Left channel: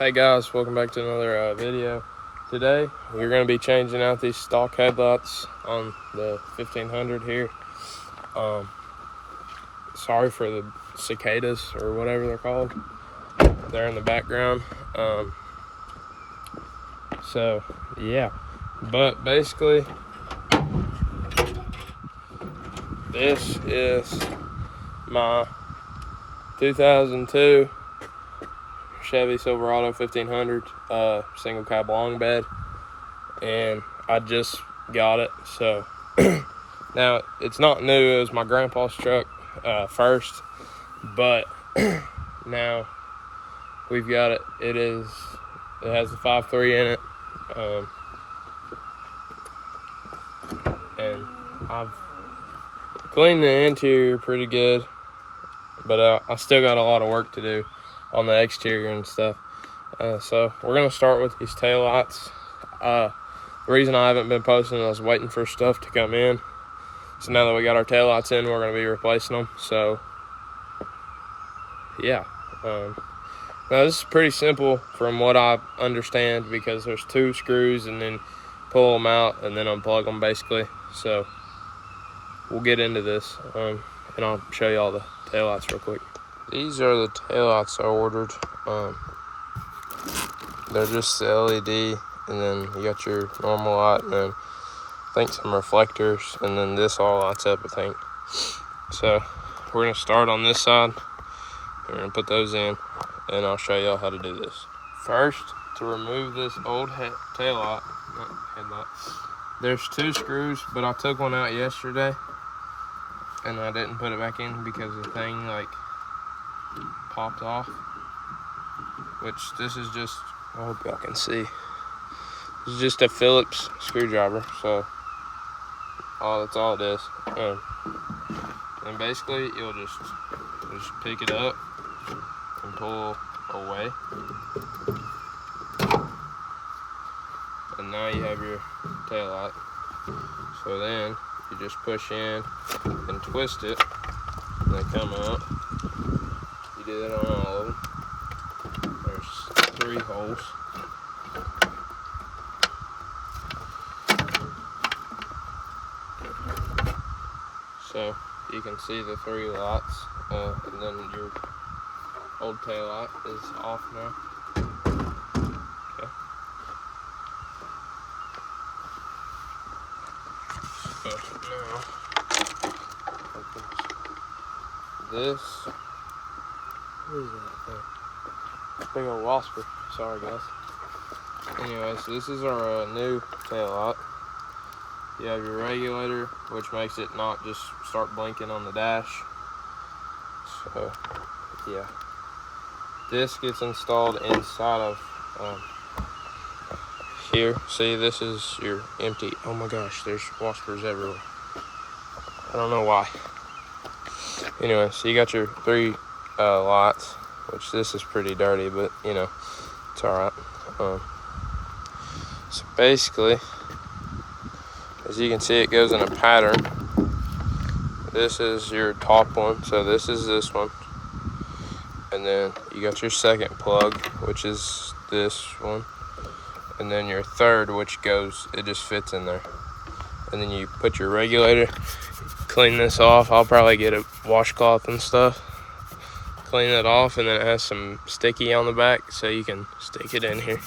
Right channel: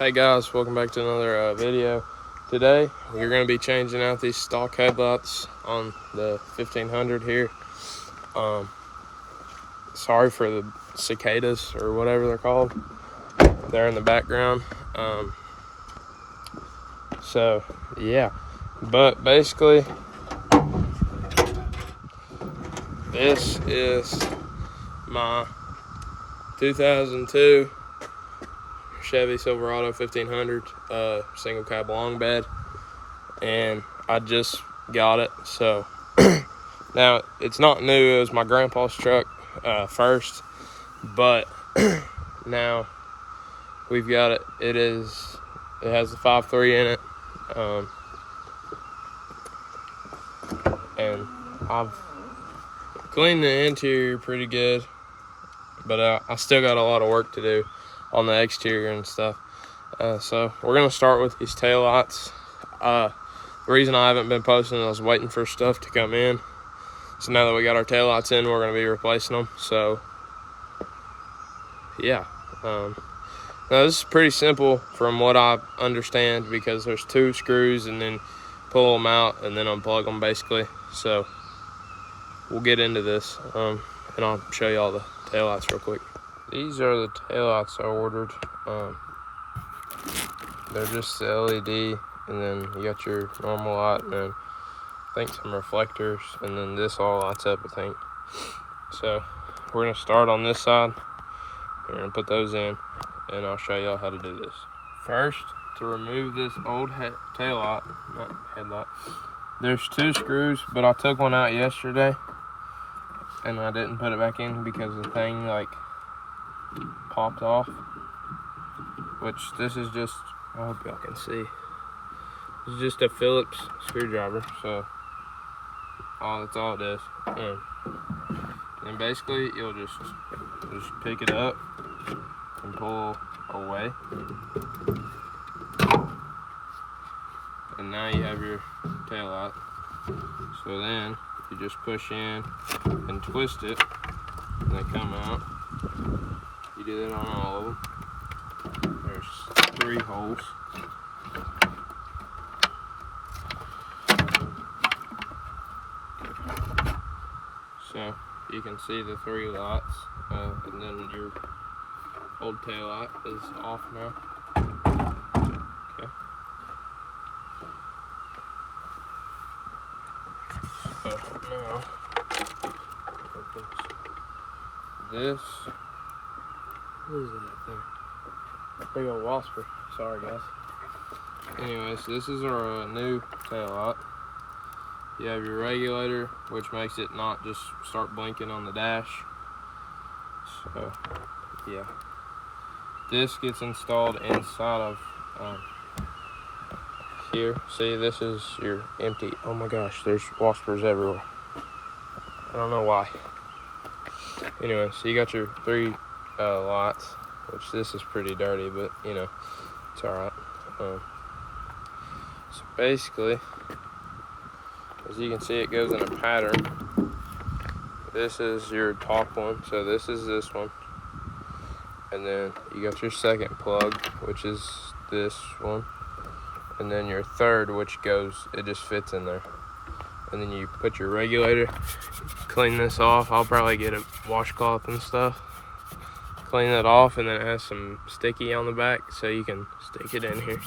Hey guys, welcome back to another video. Today we're going to be changing out these stock headlights on the 1500 here. Sorry for the cicadas or whatever they're called. They're in the background. So yeah, but basically this is my 2002 Chevy Silverado 1500 single cab long bed, and I just got it. So now it's not new. It was my grandpa's truck first, but now we've got it. It has a 5.3 in it, and I've cleaned the interior pretty good, but I still got a lot of work to do on the exterior and stuff. So we're gonna start with these taillights. The reason I haven't been posting is I was waiting for stuff to come in. So now that we got our taillights in, we're gonna be replacing them. So yeah, now this is pretty simple from what I understand, because there's two screws and then pull them out and then unplug them basically. So we'll get into this, and I'll show you all the taillights real quick. These are the taillights I ordered. They're just the LED, and then you got your normal light, and then I think some reflectors, and then this all lights up, I think. So we're gonna start on this side. We're gonna put those in, and I'll show y'all how to do this. First, to remove this old taillight, not headlight, there's two screws, but I took one out yesterday, and I didn't put it back in because the thing like popped off. Which this is just, I hope y'all can see, this is just a Phillips screwdriver. So that's all it is. And basically you'll just pick it up and pull away, and now you have your taillight. So then you just push in and twist it, and they come out. You do that on all of them. There's 3 holes. So you can see the 3 lights, and then your old tail light is off now. Okay. So now this, what is that thing? Big old wasper. Sorry guys. Anyways, this is our new taillight. You have your regulator, which makes it not just start blinking on the dash. So yeah, this gets installed inside of here. See, this is your empty. Oh my gosh, there's waspers everywhere. I don't know why. Anyway, so you got your 3 lights, which this is pretty dirty, but you know, it's all right. So basically, as you can see, it goes in a pattern. This is your top one, so this is this one, and then you got your second plug, which is this one, and then your third, which goes, it just fits in there. And then you put your regulator, clean this off. I'll probably get a washcloth and stuff, clean it off, and then it has some sticky on the back, so you can stick it in here.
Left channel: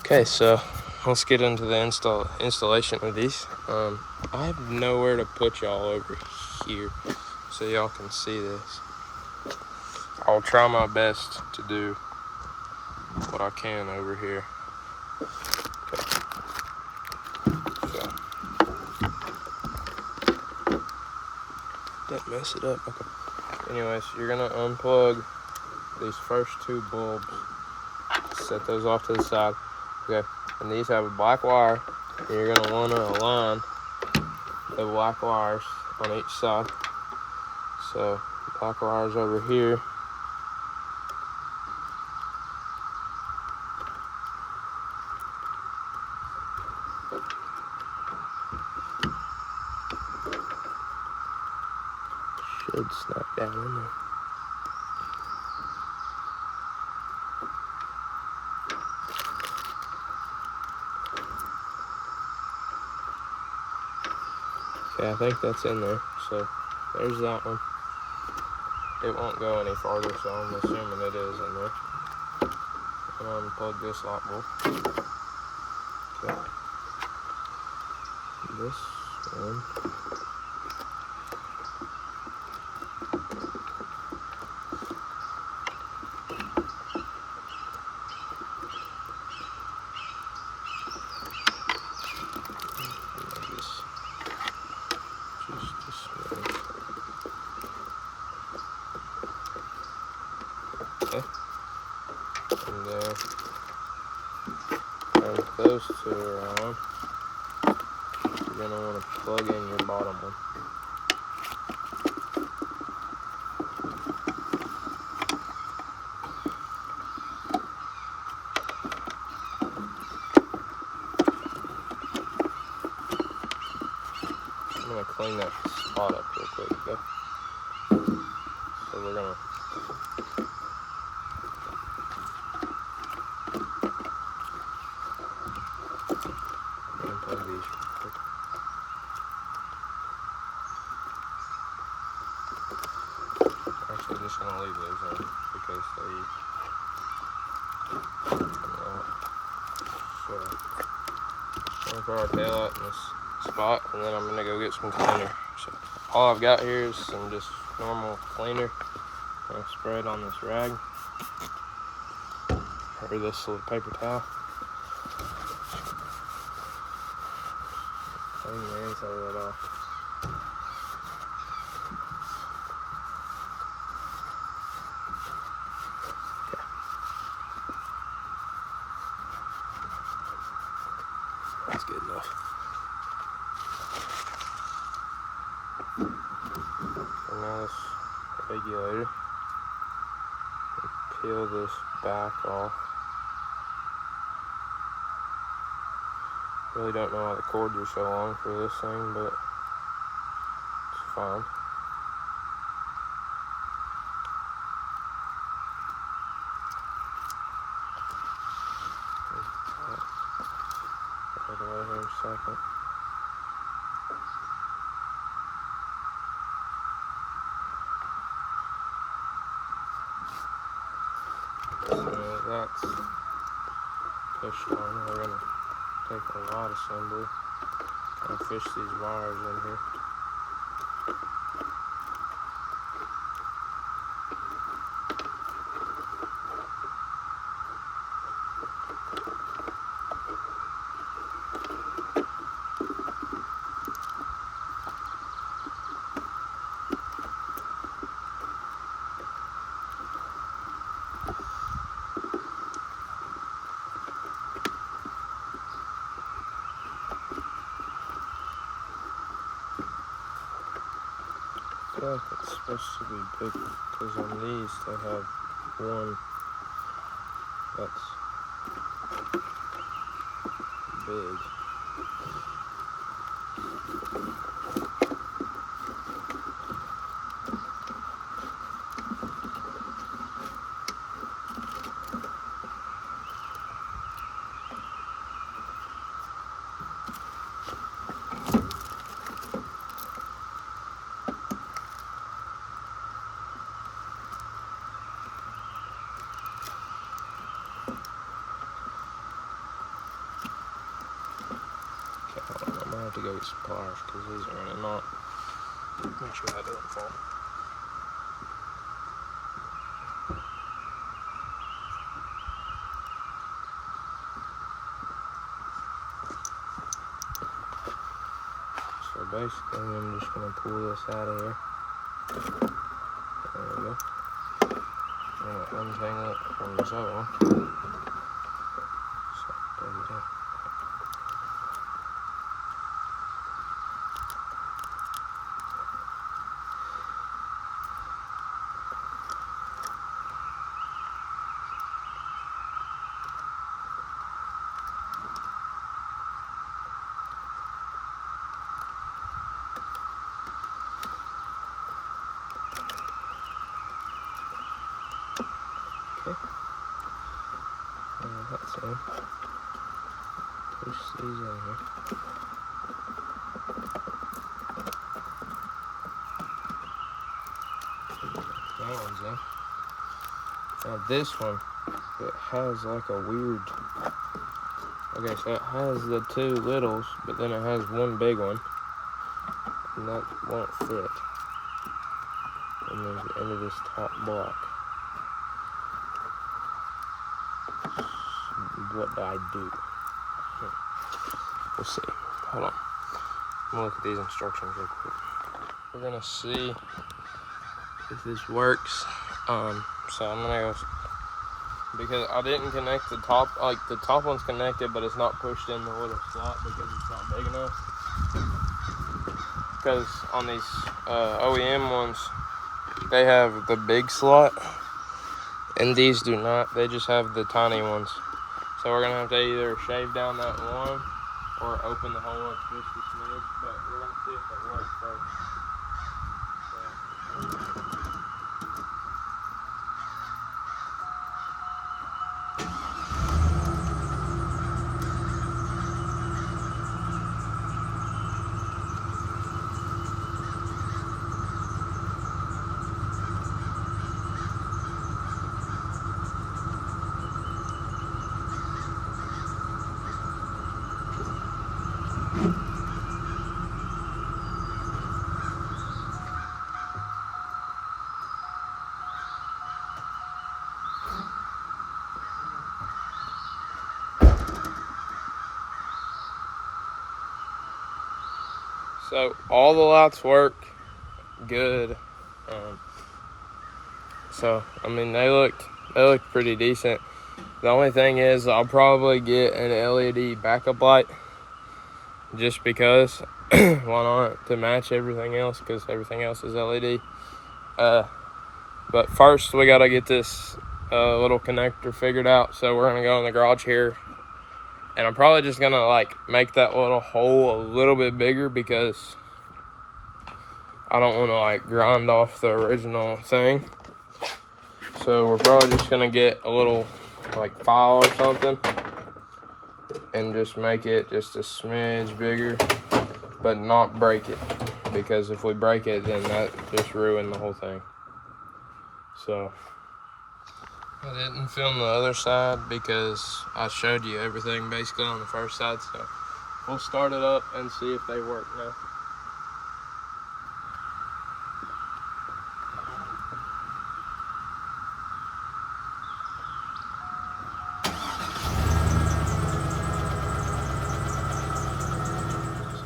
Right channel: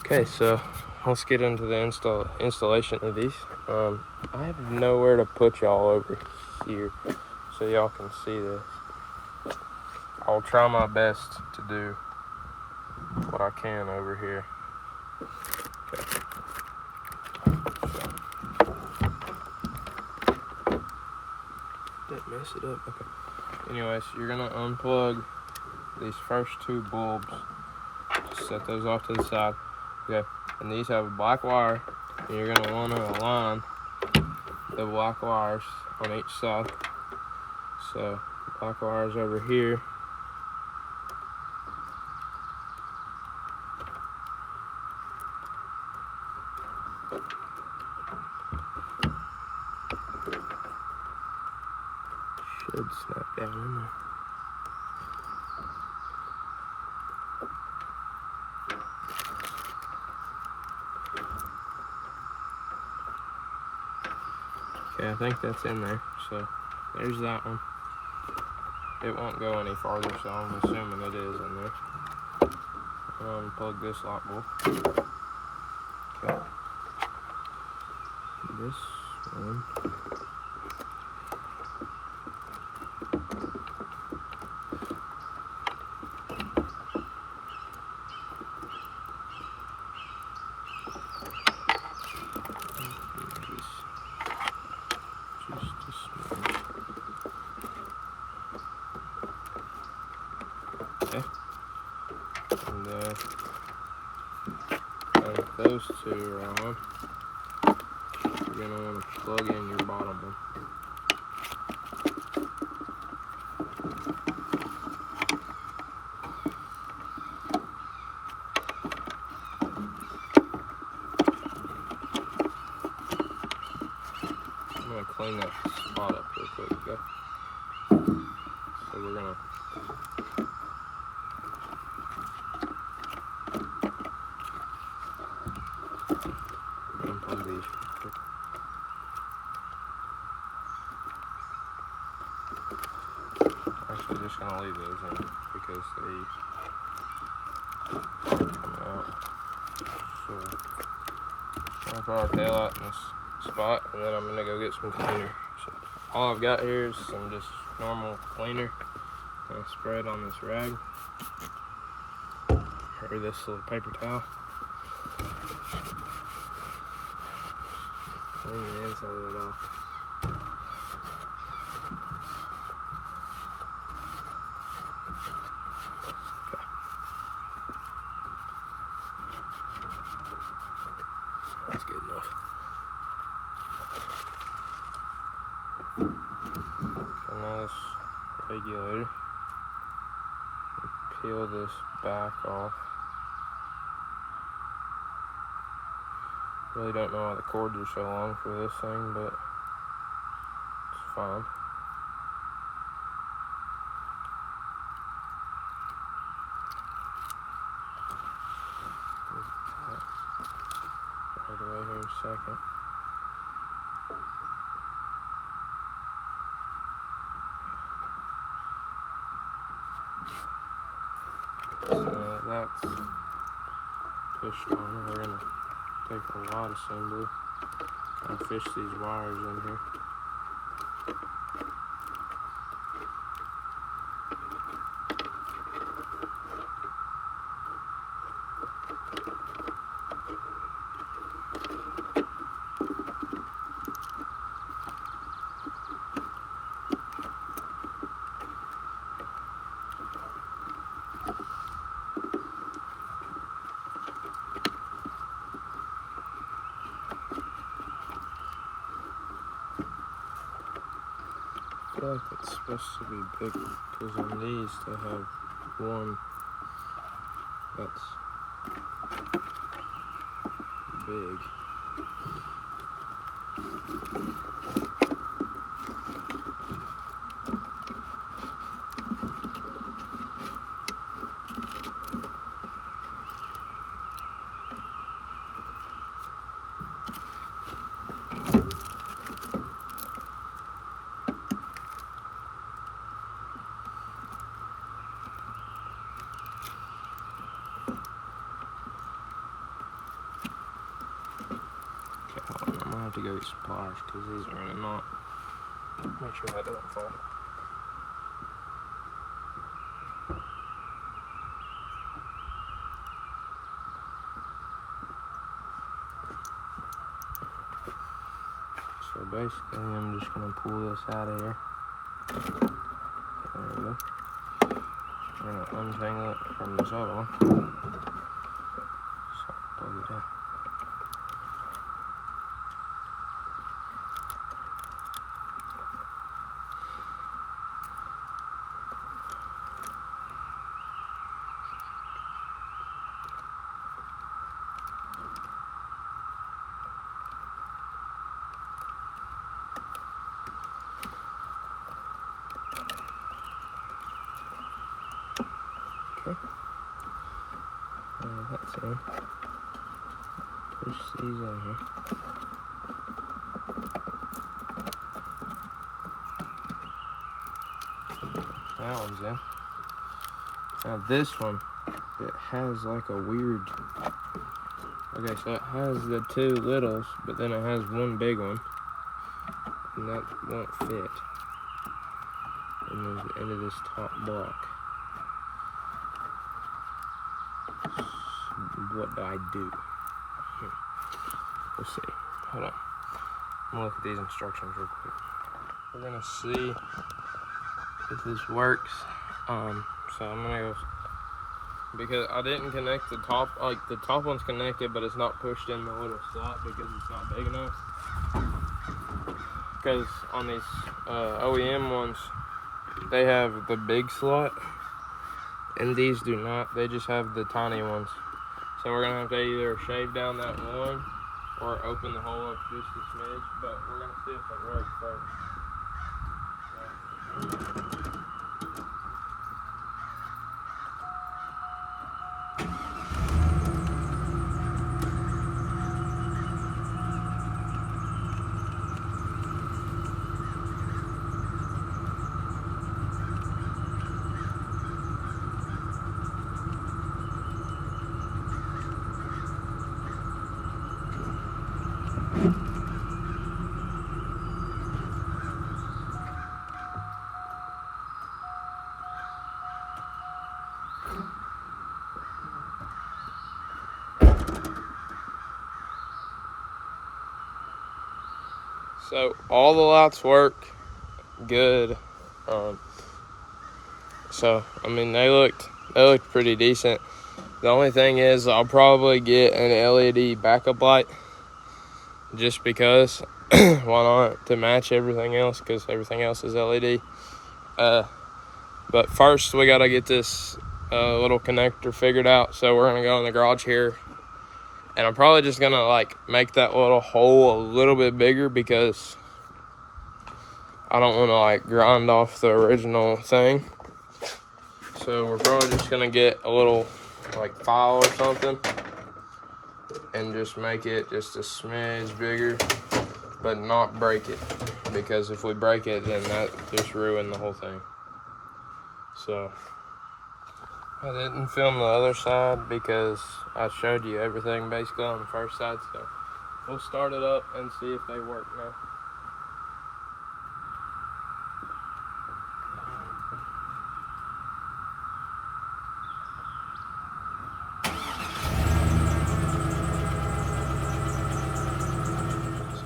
Okay, so let's get into the installation of these. I have nowhere to put y'all over here so y'all can see this. I'll try my best to do what I can over here. Okay. So, don't mess it up. Okay. Anyways, you're gonna unplug these first 2 bulbs. Set those off to the side. Okay, and these have a black wire, and you're gonna want to align the black wires on each side. So black wires over here. Should snap down in there. Okay, I think that's in there. So there's that one. It won't go any farther, so I'm assuming it is in there. I'm gonna unplug this lock bolt. Okay. This one. Okay. And then when those two are on, you're gonna want to plug in your bottom one. I'm gonna clean that spot up real quick though. So we're gonna unplug these real quick. Actually, just gonna leave those in because they come out. So I'm gonna put our taillight in this spot, and then I'm gonna go get some cleaner. So all I've got here is some just normal cleaner. I'm gonna spray it on this rag or this little paper towel. Clean the inside of that off. Okay. That's good enough. And now this regulator, peel this back off. Really don't know why the cords are so long for this thing, but it's fine. Right away here in a second. So that's pushed on. We're gonna take a rod assembly and fish these wires in here. I feel like it's supposed to be bigger because on these they have one that's big. Okay, hold on. I'm gonna have to go get some pliers because these are in a knot. Make sure that doesn't fall. So basically, I'm just gonna pull this out of here. There we go. I'm gonna untangle it from this other one. So plug it in. Okay. That's in. Push these in here. That one's in. Now this one, it has like a weird... Okay, so it has the two littles, but then it has one big one. And that won't fit. And then the end of this top block. What do I do? Let's see. Hold on. I'm gonna look at these instructions real quick. We're gonna see if this works. So I'm gonna go, because I didn't connect the top, like the top one's connected, but it's not pushed in the little slot because it's not big enough. Because on these OEM ones, they have the big slot, and these do not. They just have the tiny ones. So we're gonna have to either shave down that one or open the hole up just a smidge, but we're gonna see if it works first. So all the lights work good. So I mean they looked pretty decent. The only thing is I'll probably get an LED backup light just because. Why not? To match everything else, because everything else is LED. But first we gotta get this little connector figured out. So we're gonna go in the garage here, and I'm probably just gonna like make that little hole a little bit bigger because I don't want to like grind off the original thing. So we're probably just gonna get a little like file or something and just make it just a smidge bigger, but not break it, because if we break it, then that just ruined the whole thing. So I didn't film the other side because I showed you everything basically on the first side. So we'll start it up and see if they work now.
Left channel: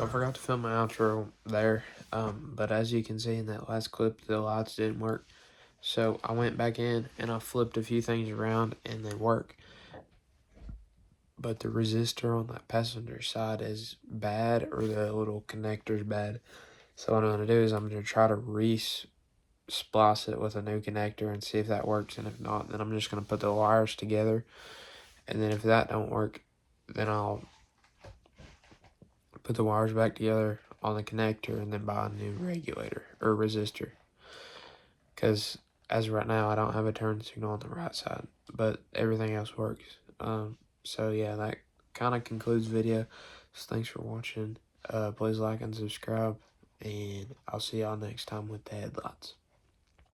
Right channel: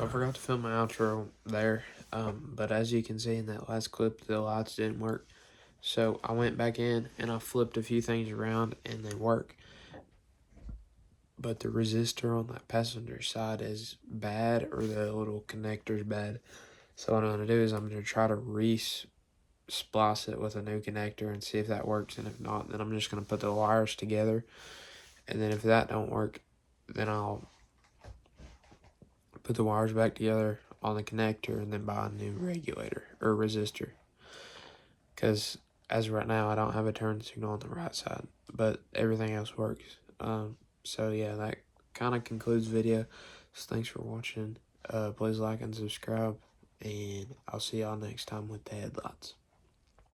I forgot to film my outro there, but as you can see in that last clip, the lights didn't work. So I went back in and I flipped a few things around and they work. But the resistor on that passenger side is bad, or the little connector's bad. So what I'm going to do is I'm going to try to splice it with a new connector and see if that works. And if not, then I'm just going to put the wires together. And then if that don't work, then I'll put the wires back together on the connector and then buy a new regulator or resistor. Because as of right now, I don't have a turn signal on the right side, but everything else works. So yeah, that kind of concludes the video. So thanks for watching. Please like and subscribe, and I'll see y'all next time with the headlights.